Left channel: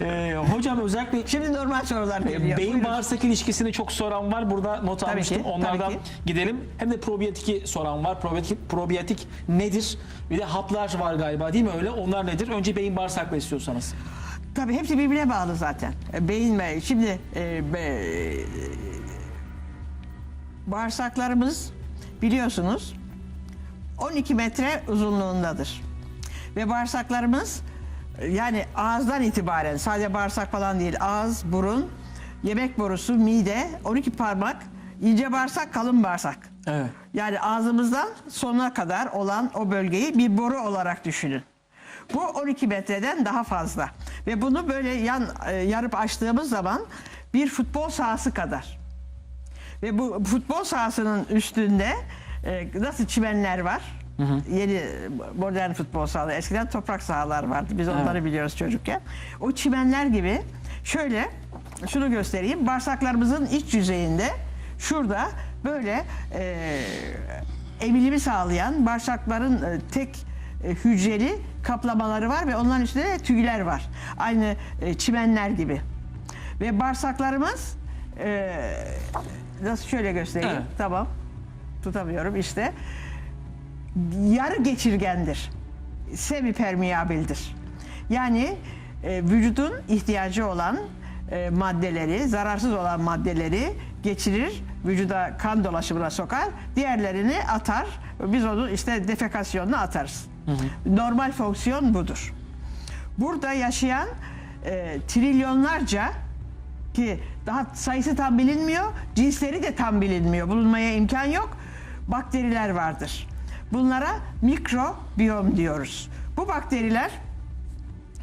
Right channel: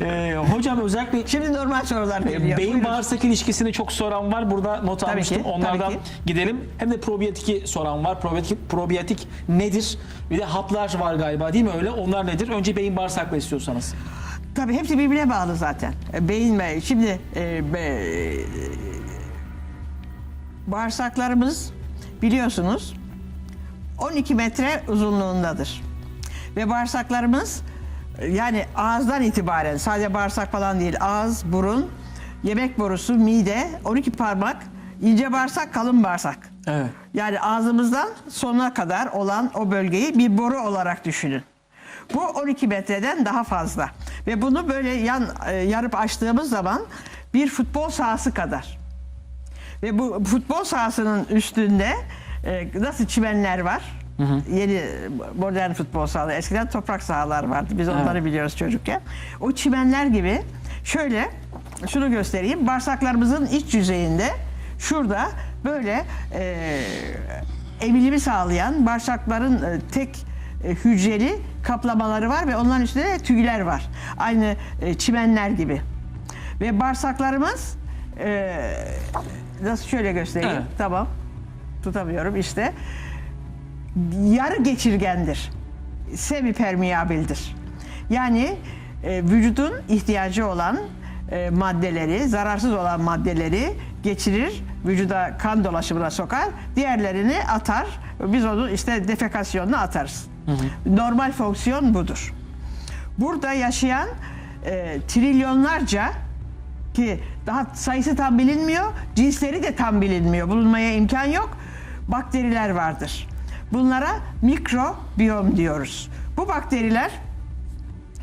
Ee, hocam özellikle Şimdi normal sorular geliyor. beyin Buyurun. bağırsak ilişkisini çok soran var. Burada not Tabii almıştım. ki, Onlardan ki. gidelim. Hem de probiyatiki soran var. Probiyotik, probiyotik nedir? Bir de haplar var galiba değil mi öyle? Onlar nedir? Önce beyin bağırsakla istiyorsanız. Tabii hepsi birbirine bağlı zaten. E, Beyin ve şimdi e, be, bağırsaklarımız biliyorsunuz 12 metre uzunluğundadır. Ve bağırsaklarımız yani ağızdan itibaren sadece bağırsak falan değil ağız, burun, yemek borusu, mide, 12 parmak, ince bağırsak, kalın bağırsak. Evet. Yani ağzımızdan sonuna kadar olan o bölgeyi bir boru olarak düşünün. Bu 12 metreden daha fazla. Ve bunu böyle yan e, yarıp açtığımız zaman bir futbol sahası kadar. Ve bu futbol sahasının üstünde e, nasıl çimenler var? Yeni modern futbol sahaları. Eskiden toprak sahalar vardı. Biz onları biliyoruz çocukken. O çimenler gibi şöyle şunu göstereyim. Bağırsaklarımızın iç yüzeyinde şurada böyle e, emilimi sağlayan bağırsakların e, tek e, hücreli kaplamaları var ve onların üstünde de tüyler var. Aynı e, çimenler gibi. Ve bağırsaklarımız e, nasıl şöyle göstereyim. Evet. Tamam. Tutamıyorum işte. Yarı geçirgendir. Semipermeabildir. Yani e, vücudun ihtiyacı olan e, maddeleri, zararsız olan maddeleri geçirir, vücuda kan dolaşımına sokar, diğerlerini atar. Biz onu işte defekasyonla atarız. Normal fonksiyon budur. Burada yaşayan e, trilyonlarca ki daha sayısı tam bilinmiyor, cinsleri de tam bilinmiyor, bulunmaya imkan yok. Bakteriler vardır. Bunlara mikrobiyom diyoruz. Bu bakteriler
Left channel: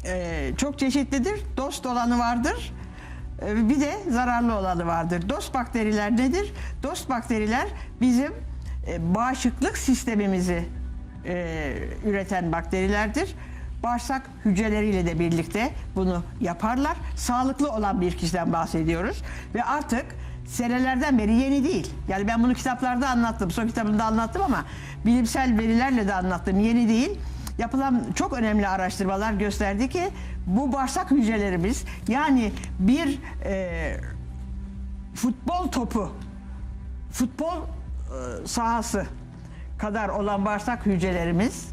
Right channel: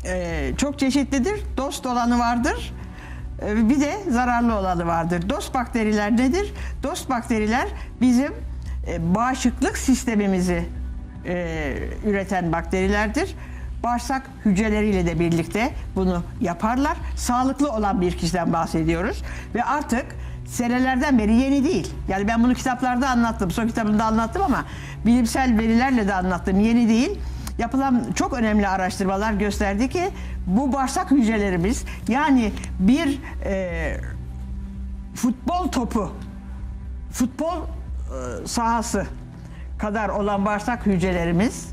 e, çok çeşitlidir. Dost olanı vardır. e, bir de zararlı olanı vardır. Dost bakteriler nedir? Dost bakteriler bizim e, bağışıklık sistemimizi e, üreten bakterilerdir. Bağırsak hücreleriyle de birlikte bunu yaparlar. Sağlıklı olan bir kişiden bahsediyoruz. Ve artık senelerden beri yeni değil. Yani ben bunu kitaplarda anlattım, son kitabımda anlattım ama bilimsel verilerle de anlattım. Yeni değil. Yapılan çok önemli araştırmalar gösterdi ki bu bağırsak hücrelerimiz yani bir e, futbol topu, futbol e, sahası kadar olan bağırsak hücrelerimiz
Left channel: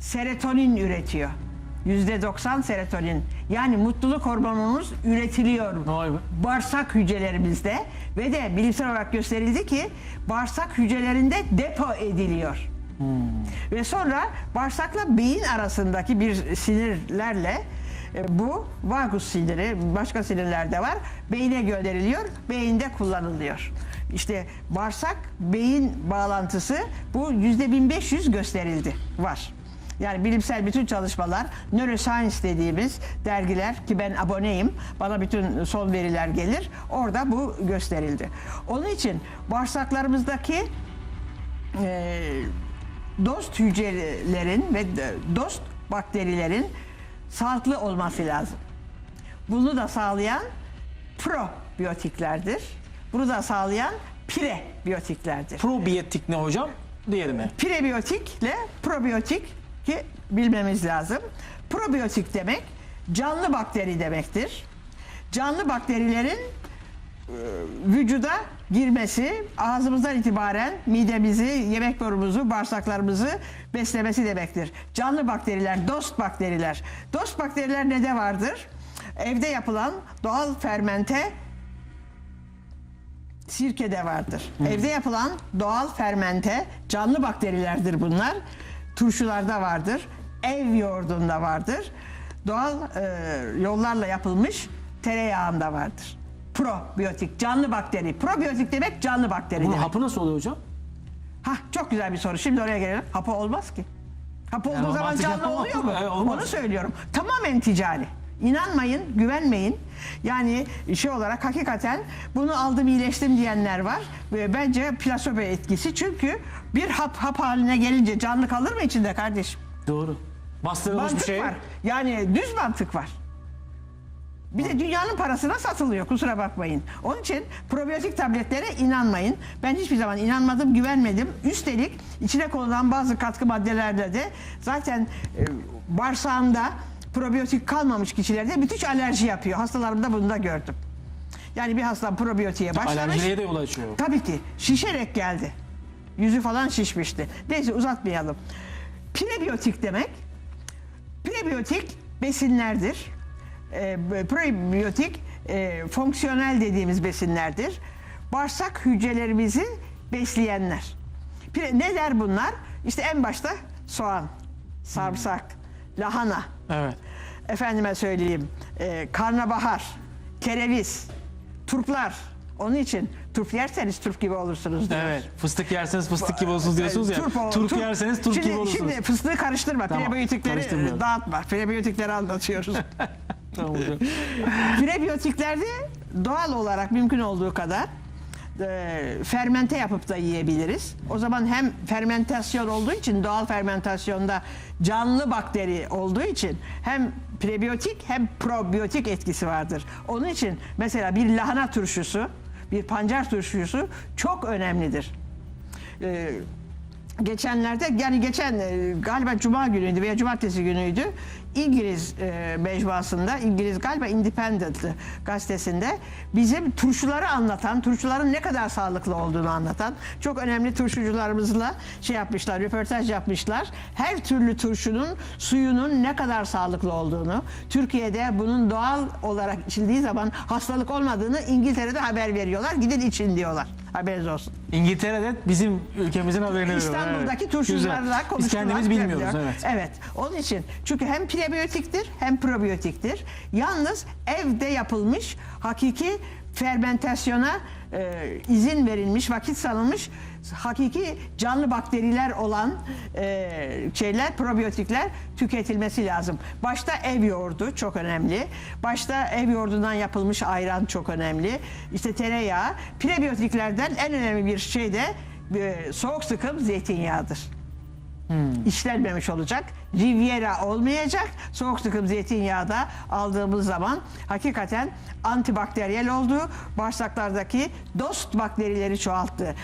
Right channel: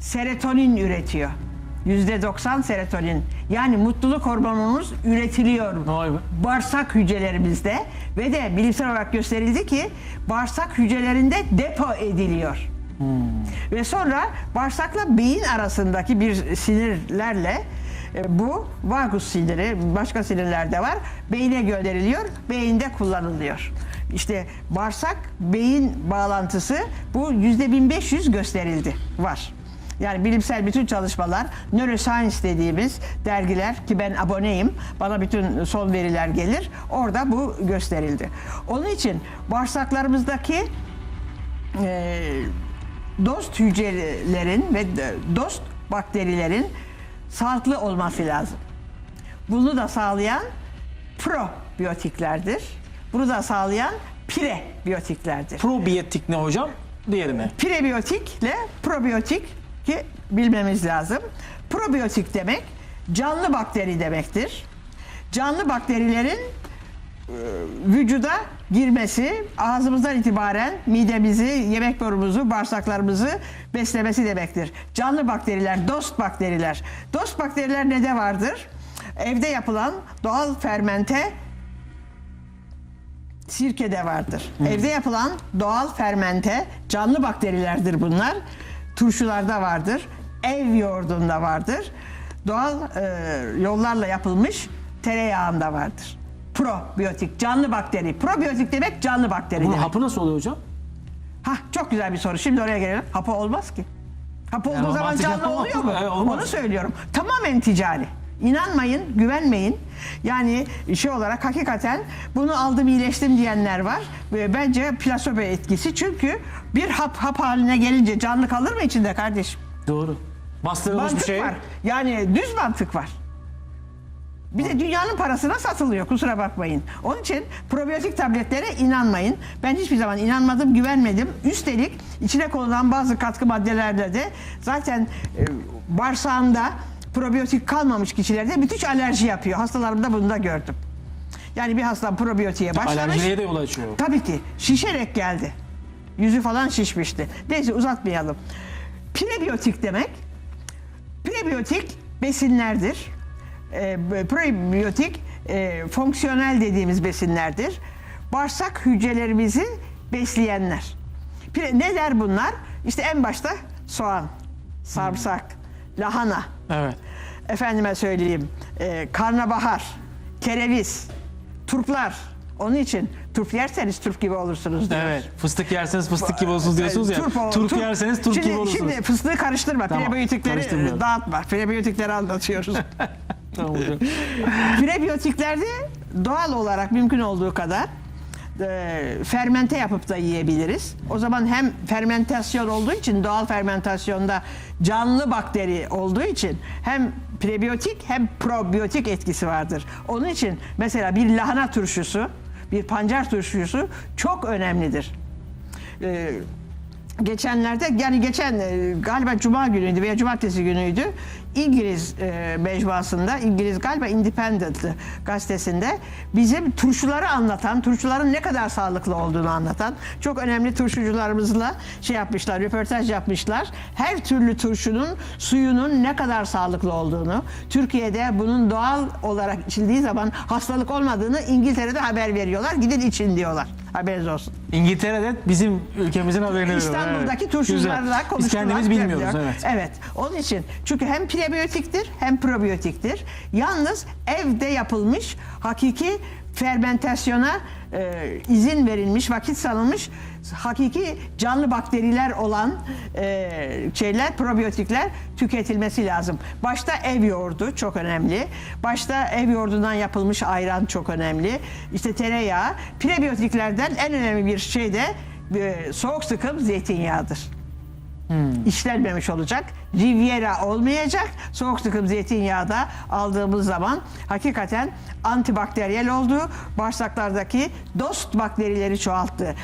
serotonin üretiyor. Yüzde 90 serotonin. Yani mutluluk hormonumuz üretiliyor. Bağırsak hücrelerimizde ve de bilimsel olarak gösterildi ki bağırsak hücrelerinde depo ediliyor. Ve sonra bağırsakla beyin arasındaki bir sinirlerle e, bu vagus siniri, başka sinirler de var. Beyine gönderiliyor, beyinde kullanılıyor. İşte bağırsak beyin bağlantısı bu yüzde 1500 gösterildi var. Yani bilimsel bütün çalışmalar, neuroscience dediğimiz dergiler ki ben aboneyim, bana bütün son veriler gelir. Orada bu gösterildi. Onun için bağırsaklarımızdaki e, dost hücrelerin ve dost bakterilerin sağlıklı olması lazım. Bunu da sağlayan probiyotiklerdir. Bunu da sağlayan prebiyotiklerdir. Probiyotik ne hocam? Diğeri mi? Prebiyotikle probiyotik ki bilmemiz lazım. Probiyotik demek canlı bakteri demektir. Canlı bakterilerin e, vücuda girmesi ağzımızdan itibaren midemizi, yemek borumuzu, bağırsaklarımızı beslemesi demektir. Canlı bakteriler, dost bakteriler. Dost bakteriler ne de vardır? Evde yapılan doğal fermente sirkede vardır. Evde yapılan doğal fermente canlı bakterilerdir bunlar. Turşularda vardır. Ev yoğurdunda vardır. Doğal e, yollarla yapılmış tereyağında vardır. Probiyotik, canlı bakteri. Probiyotik demek canlı bakteri Bunun demek. hapı nasıl oluyor hocam? Hah, çok güzel bir soru. Şimdi oraya gelelim. Hapı olmaz ki. Hapı olduğu Yani zaman canlı oluyor mu? evet, olmaz. Onu söylüyorum. Tamamen ticari. İnanmayın, güvenmeyin. Yani şey olarak hakikaten bunu aldım iyileştim diyenler var. Bence plasebo etkisi. Çünkü bir hap hap haline gelince canlı kalır mı içinde kardeşim? Doğru. Bastırılmış bir Mantık şey. var. Yani düz mantık var. Bir de dünyanın parasına satılıyor kusura bakmayın. Onun için probiyotik tabletlere inanmayın. Ben hiçbir zaman inanmadım, güvenmedim. Üstelik içine konulan bazı katkı maddelerle de zaten e, bağırsağında probiyotik kalmamış kişilerde müthiş alerji yapıyor. Hastalarımda bunu da gördüm. Yani bir hasta probiyotiğe başlamış. Alerjiye de yol açıyor. Tabii ki şişerek geldi. Yüzü falan şişmişti. Neyse uzatmayalım. Prebiyotik demek prebiyotik besinlerdir. E, prebiyotik e, fonksiyonel dediğimiz besinlerdir. Bağırsak hücrelerimizi besleyenler. Pre- neler bunlar? İşte en başta soğan, sarımsak, lahana, Evet. efendime söyleyeyim e, karnabahar, kereviz, turplar. Onun için turp yerseniz turp gibi olursunuz diyor. Evet. Fıstık yerseniz fıstık gibi olursunuz diyorsunuz ya. Turp, o- Turp, turp- yerseniz turp şimdi, gibi olursunuz. Şimdi fıstığı karıştırma. Tamam, Prebiyotikleri karıştırmıyorum. dağıtma. Prebiyotikleri anlatıyoruz. Tamam hocam. Prebiyotiklerde doğal olarak mümkün olduğu kadar e, fermente yapıp da yiyebiliriz. O zaman hem fermentasyon olduğu için doğal fermentasyonda canlı bakteri olduğu için hem prebiyotik hem probiyotik etkisi vardır. Onun için mesela bir lahana turşusu, bir pancar turşusu çok önemlidir. E, geçenlerde yani geçen e, galiba cuma günüydü veya cumartesi günüydü İngiliz e, mecmuasında İngiliz galiba Independent gazetesinde bizim turşuları anlatan turşuların ne kadar sağlıklı olduğunu anlatan çok önemli turşucularımızla şey yapmışlar röportaj yapmışlar. Her türlü turşunun suyunun ne kadar sağlıklı olduğunu Türkiye'de bunun doğal olarak içildiği zaman hastalık olmadığını İngiltere'de haber veriyorlar. Gidin için diyorlar haberiniz olsun. İngiltere'de bizim ülkemizin haberini veriyor. İstanbul'daki Evet. turşucularla. Biz konuştular. kendimiz bilmiyoruz. Evet. Evet. Onun için çünkü hem prebiyotiktir hem probiyotiktir. Yalnız evde yapılmış hakiki fermentasyona e, izin verilmiş, vakit sanılmış hakiki canlı bakteriler olan e, şeyler, probiyotikler tüketilmesi lazım. Başta ev yoğurdu çok önemli. Başta ev yoğurdundan yapılmış ayran çok önemli. İşte tereyağı. Prebiyotiklerden en önemli bir şey de e, soğuk sıkım zeytinyağıdır işlenmemiş olacak. Riviera olmayacak. Soğuk sıkım zeytinyağı da aldığımız zaman hakikaten antibakteriyel olduğu bağırsaklardaki dost bakterileri çoğalttı.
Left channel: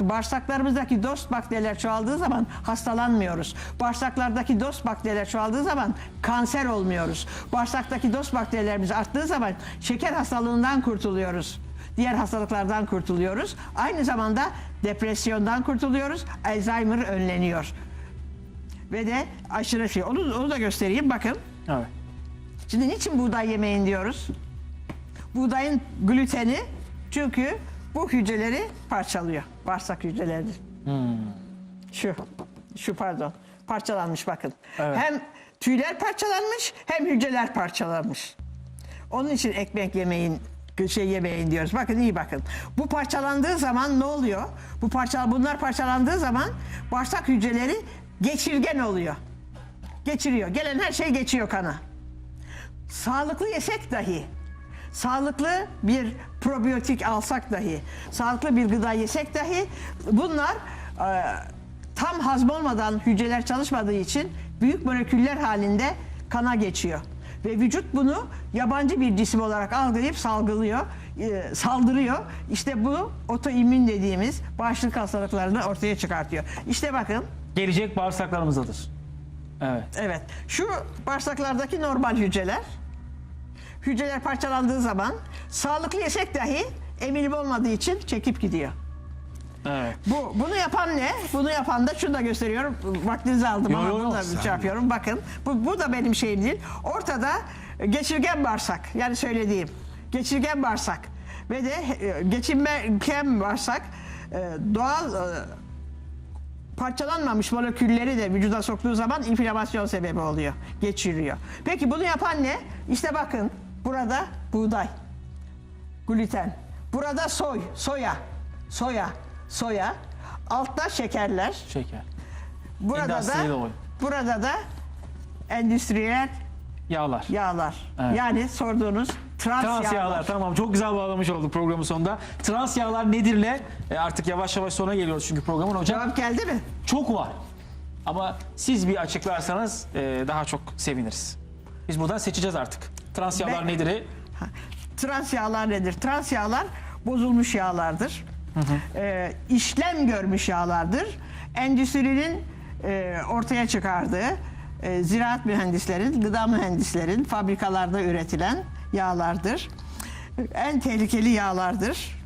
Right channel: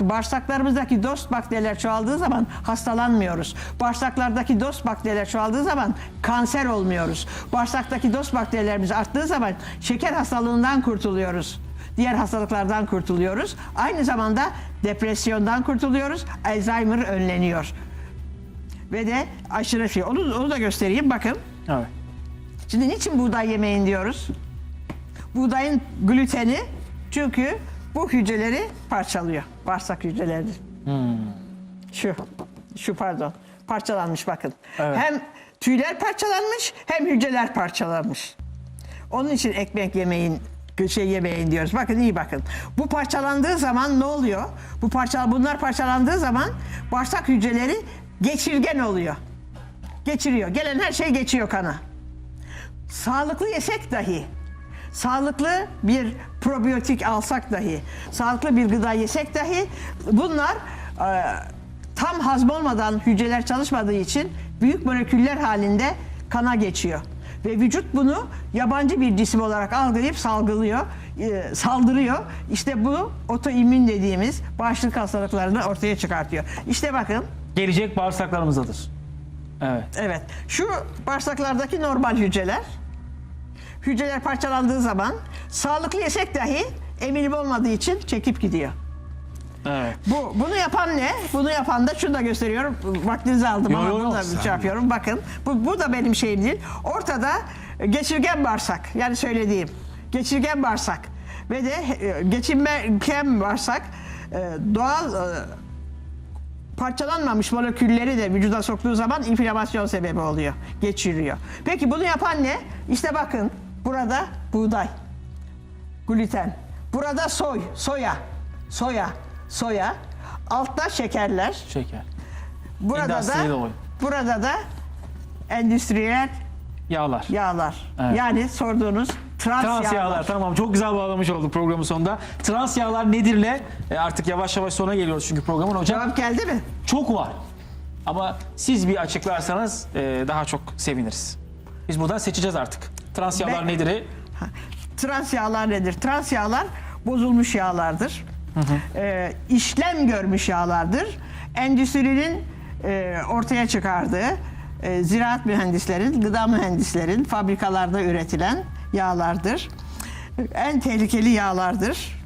Bağırsaklarımızdaki dost bakteriler çoğaldığı zaman hastalanmıyoruz. Bağırsaklardaki dost bakteriler çoğaldığı zaman kanser olmuyoruz. Bağırsaktaki dost bakterilerimiz arttığı zaman şeker hastalığından kurtuluyoruz diğer hastalıklardan kurtuluyoruz. Aynı zamanda depresyondan kurtuluyoruz. Alzheimer önleniyor. Ve de aşırı şey. Onu, onu da göstereyim. Bakın. Evet. Şimdi niçin buğday yemeyin diyoruz? Buğdayın gluteni çünkü bu hücreleri parçalıyor. Bağırsak hücrelerini. Şu. Şu pardon. Parçalanmış bakın. Evet. Hem tüyler parçalanmış hem hücreler parçalanmış. Onun için ekmek yemeyin şey yemeyin diyoruz. Bakın iyi bakın. Bu parçalandığı zaman ne oluyor? Bu parça bunlar parçalandığı zaman bağırsak hücreleri geçirgen oluyor. Geçiriyor. Gelen her şey geçiyor kana. Sağlıklı yesek dahi, sağlıklı bir probiyotik alsak dahi, sağlıklı bir gıda yesek dahi bunlar e, tam hazmolmadan hücreler çalışmadığı için büyük moleküller halinde kana geçiyor. Ve vücut bunu yabancı bir cisim olarak algılayıp salgılıyor, e, saldırıyor. İşte bu otoimmün dediğimiz bağışıklık hastalıklarını ortaya çıkartıyor. İşte bakın Gelecek bağırsaklarımızdadır. Evet. Evet. Şu bağırsaklardaki normal hücreler. Hücreler parçalandığı zaman sağlıklı yesek dahi eminim olmadığı için çekip gidiyor. Evet. Bu bunu yapan ne? Bunu yapan da şunu da gösteriyorum. Vaktinizi aldım Yo, ama yo, bunu da şey yapıyorum. Bakın. Bu, bu da benim şeyim değil. Ortada geçirgen bağırsak. Yani söylediğim. Geçirgen bağırsak. Ve de e, geçirgen bağırsak e, doğal e, parçalanmamış molekülleri de vücuda soktuğu zaman inflamasyon sebebi oluyor. Geçiriyor. Peki bunu yapan ne? İşte bakın burada buğday, gluten. Burada soy, soya, soya, soya. Altta şekerler. Şeker. Burada Endüstriyel da oil. burada da endüstriyel Yağlar. yağlar. Evet. Yani sorduğunuz trans, Trans yağlar. yağlar tamam çok güzel bağlamış olduk programın sonunda. Trans yağlar nedirle e, artık yavaş yavaş sona geliyoruz çünkü programın hocam. Cevap geldi mi? Çok var. Ama siz bir açıklarsanız e, daha çok seviniriz. Biz buradan seçeceğiz artık. Trans yağlar Ben- nedir? Ha, Trans yağlar nedir? Trans yağlar bozulmuş yağlardır. Ee, işlem görmüş yağlardır. Endüstrinin e, ortaya çıkardığı e, ziraat mühendislerin, gıda mühendislerin fabrikalarda üretilen yağlardır. En tehlikeli yağlardır.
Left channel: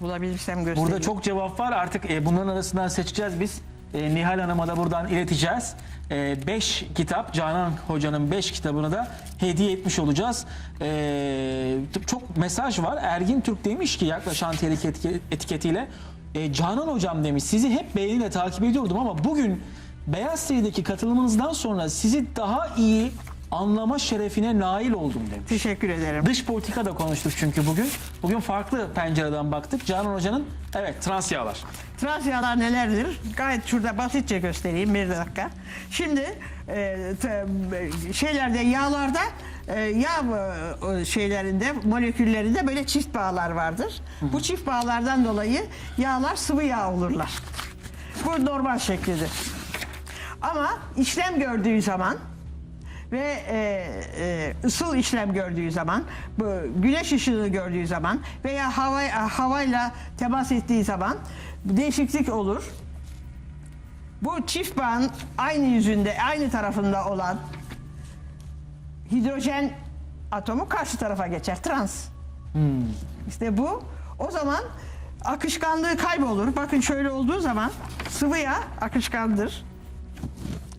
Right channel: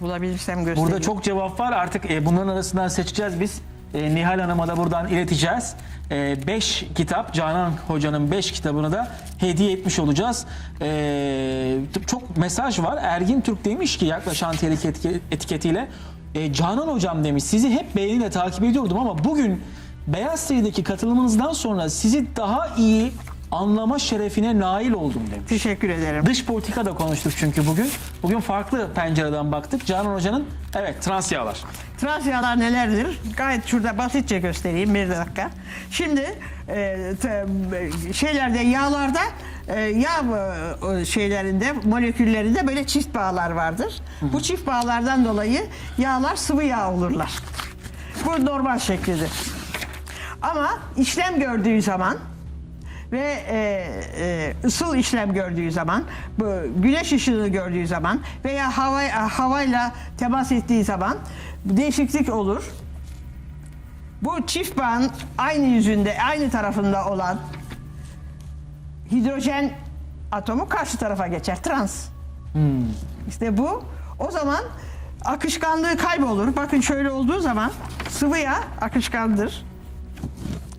Bulabilirsem göstereyim. Burada çok cevap var. Artık e, bunların arasından seçeceğiz biz. E, Nihal Hanım'a da buradan ileteceğiz. 5 kitap, Canan Hoca'nın 5 kitabını da hediye etmiş olacağız. E, çok mesaj var. Ergin Türk demiş ki yaklaşan tehlike etike- etiketiyle e, Canan Hocam demiş sizi hep beğeniyle takip ediyordum ama bugün Beyaz TV'deki katılımınızdan sonra sizi daha iyi anlama şerefine nail oldum demiş. Teşekkür ederim. Dış politika da konuştuk çünkü bugün. Bugün farklı pencereden baktık. Canan Hoca'nın evet trans yağlar. Trans yağlar nelerdir? Gayet şurada basitçe göstereyim bir dakika. Şimdi e, te- şeylerde yağlarda e, yağ e, şeylerinde moleküllerinde böyle çift bağlar vardır. Bu çift bağlardan dolayı yağlar sıvı yağ olurlar. Bu normal şeklidir. Ama işlem gördüğü zaman ve e, e, ısıl işlem gördüğü zaman, bu güneş ışığını gördüğü zaman veya hava havayla temas ettiği zaman değişiklik olur. Bu çift bağın aynı yüzünde, aynı tarafında olan hidrojen atomu karşı tarafa geçer. Trans. İşte bu. O zaman akışkanlığı kaybolur. Bakın şöyle olduğu zaman sıvı yağ akışkandır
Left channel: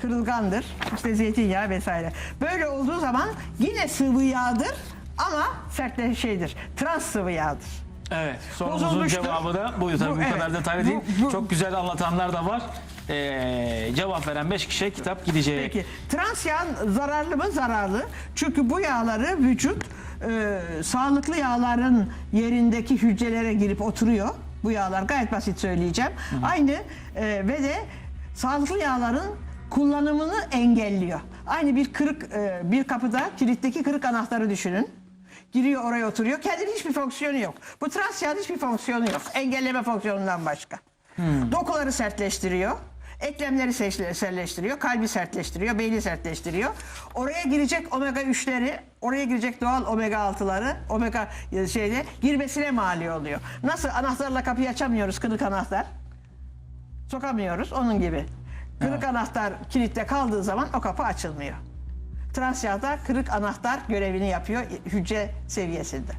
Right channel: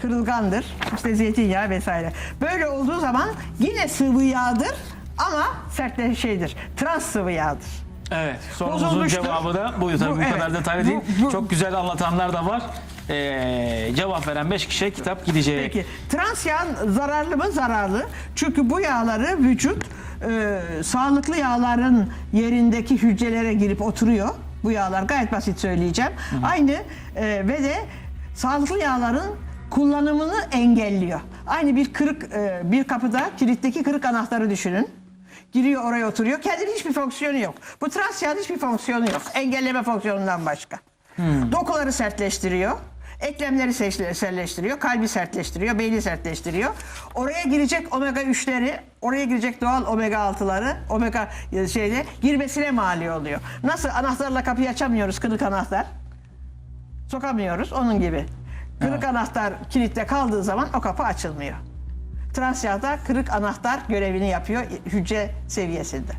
kırılgandır. İşte zeytinyağı vesaire. Böyle olduğu zaman yine sıvı yağdır ama sertleşen şeydir. Trans sıvı yağdır. Evet. Sorumuzun Bozulmuştur. cevabı da buydu. Tabii Bu, bu, evet. kadar detaylı Bu- değil. bu- Çok güzel anlatanlar da var. Ee, cevap veren 5 kişiye kitap gidecek. Peki trans yağ zararlı mı? Zararlı. Çünkü bu yağları vücut e, sağlıklı yağların yerindeki hücrelere girip oturuyor. Bu yağlar gayet basit söyleyeceğim. Aynı e, ve de sağlıklı yağların kullanımını engelliyor. Aynı bir kırık e, bir kapıda kilitteki kırık anahtarı düşünün. Giriyor oraya oturuyor. Kendinin hiçbir fonksiyonu yok. Bu trans yağın hiçbir fonksiyonu yok. Engelleme fonksiyonundan başka. Dokuları sertleştiriyor. Eklemleri sertleştiriyor, kalbi sertleştiriyor, beyni sertleştiriyor. Oraya girecek omega 3'leri, oraya girecek doğal omega 6'ları, omega e, şeyde girmesine mali oluyor. Nasıl anahtarla kapıyı açamıyoruz kırık anahtar? Sokamıyoruz onun gibi. Kırık anahtar kilitte kaldığı zaman o kapı açılmıyor. Trans yağda kırık anahtar görevini yapıyor hücre seviyesinde.